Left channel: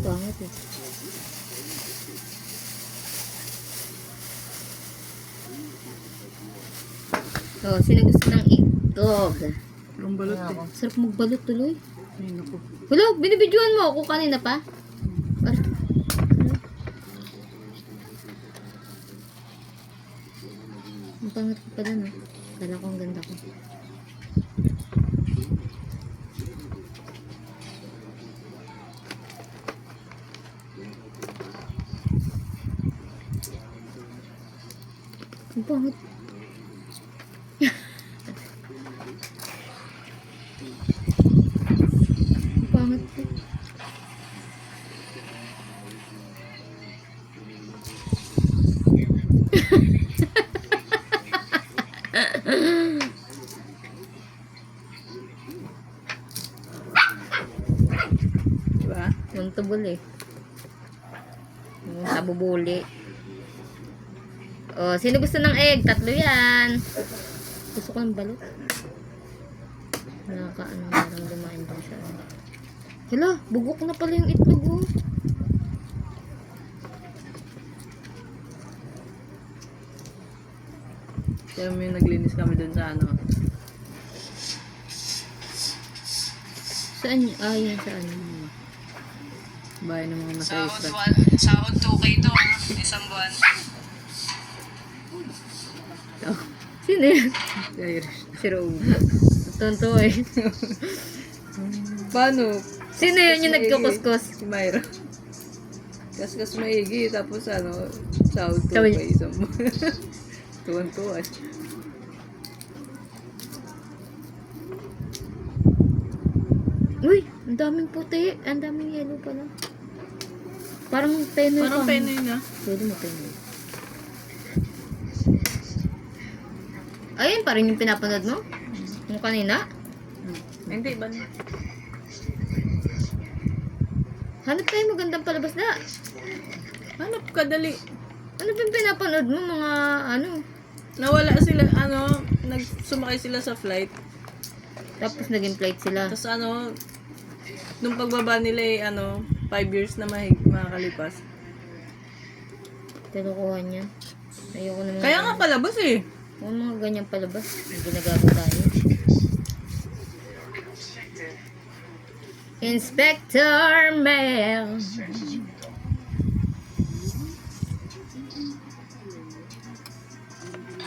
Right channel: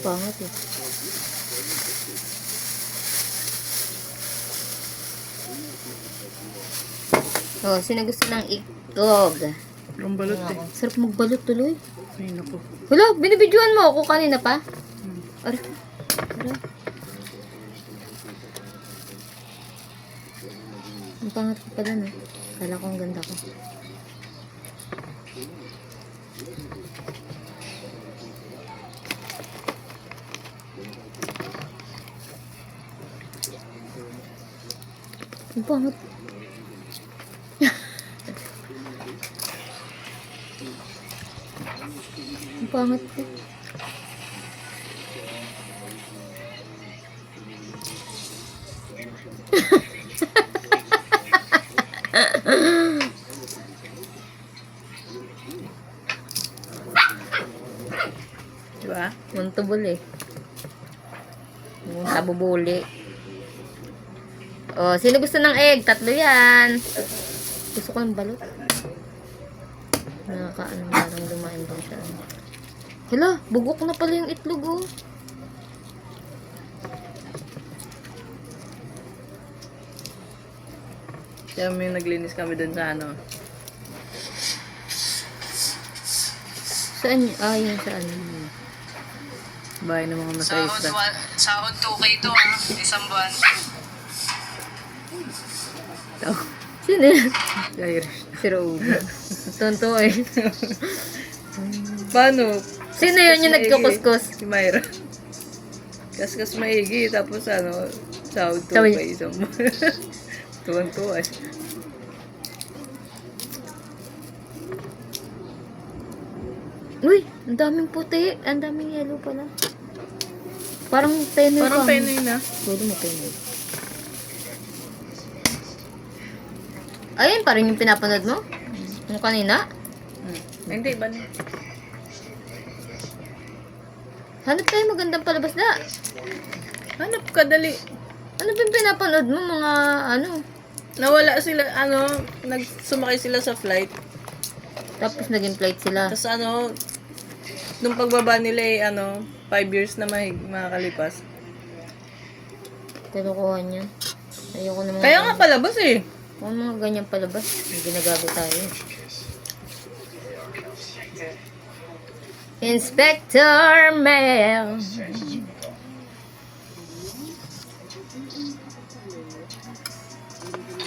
Pangat eh. Oh, sino gusto ng itlog? Ang balot eh. Sarap magbalot tuloy. Ay, naku. Wala, binibidyoan mo ako kanina pa. Aray. Aray. Ang pangat ko pala, no? Kala ko ang ganda ko. Ang pangat. Ang pangat ko. Diba? Muntubol eh. Yung sabubuli. Oh, sino gusto ng egg? Tatlo yan. Gusto ko ng balot. Nakakaano, parang dumain din siya. Hala, bugok na pala yung itlog oh. Kaya may naglinis kami dun sa ano. Saan? Ah, yun saan? Bahay ng mga masayista. Sahod 2K to ha, isang buwan. Sino yan? Si Irish. Si Rose. Tonto eh. Paano? Sino yun yung nagkukuskus? Si Myra. Kaskas maigi, tapos ano, sahod to Sabi pa isang buwan. Tuwan-tuwa eh. Uy, ang daming puti. Ang daming yellow pala. Parang penoy Parang pa. penoy na. Pwede mo penoy. Ayun pa rin yung pinapanood mo? Yung kanina? Hindi ba na? Hanap tayo magandang palabas na. Hanap ka, dali. Ano ba yung pinapanood mo? Mga ano? Nawala sila, ano, sumakay sila sa flight. Tapos naging flight sila. Tapos ano, nung pagbaba nila eh, ano, 5 years na makakalipas. Tinukuha niya. Ayoko naman. Kaya nga palabas eh. Kung mga ganyang palabas, may ginagamit tayo. Inspector Mel.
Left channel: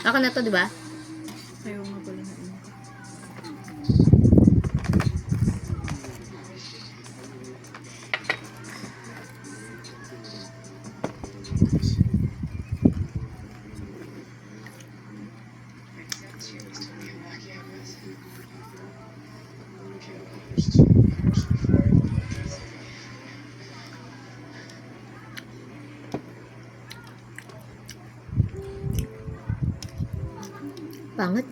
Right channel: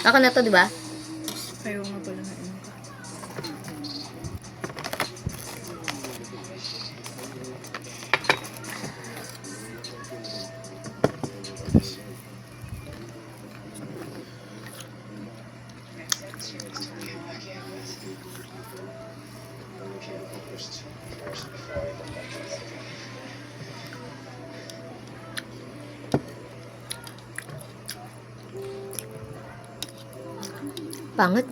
Ako na to, di ba? Ayaw nga pala na ino ka. Pangat.